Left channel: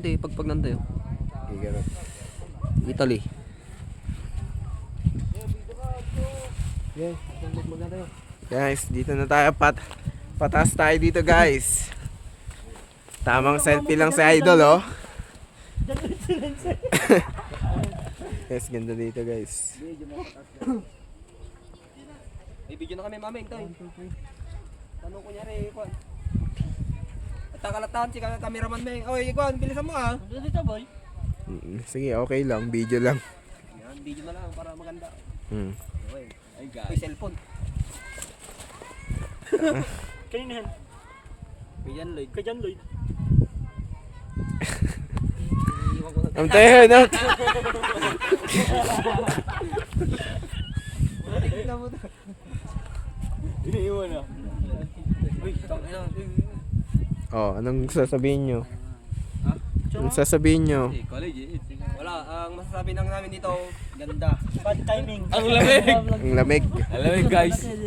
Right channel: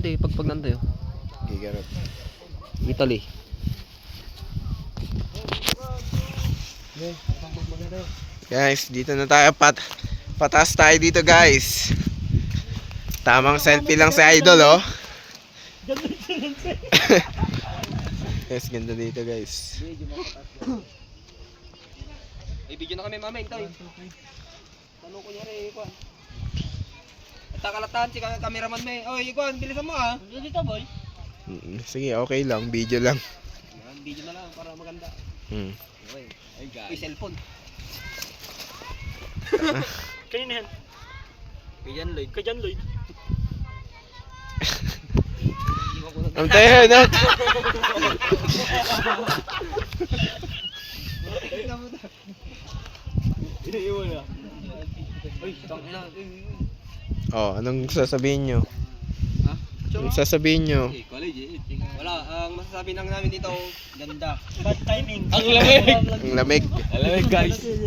Hindi, pag nandoy. Gigarot. Italy. Guys, dito na tayo pataas tayo dito guys. Tamang selfie lang si Idol oh. Guys, ganda dito guys. May video na kami mama, Intoy. Tanong ko niya rin, Kwan. At takalatan si cameraman may. Oy, Kwan, bilisan mo ah. Dito boy. Sige, okay lang. Video lang. Yan, video na lang para maganda. Okay. Ay guys. May cellphone. Kanina yan. Kayan Lloyd. Kay John Lloyd. Iiwan ko na. Ang tayo na. Iniiwan na. Uy, tangina. Oh, anong sasabihin nyo? Ha? Anong sasabihin nyo? Wala, ang masasabi lang namin dito, ganda. Bad timing. Ang lamig. Alam mo guys.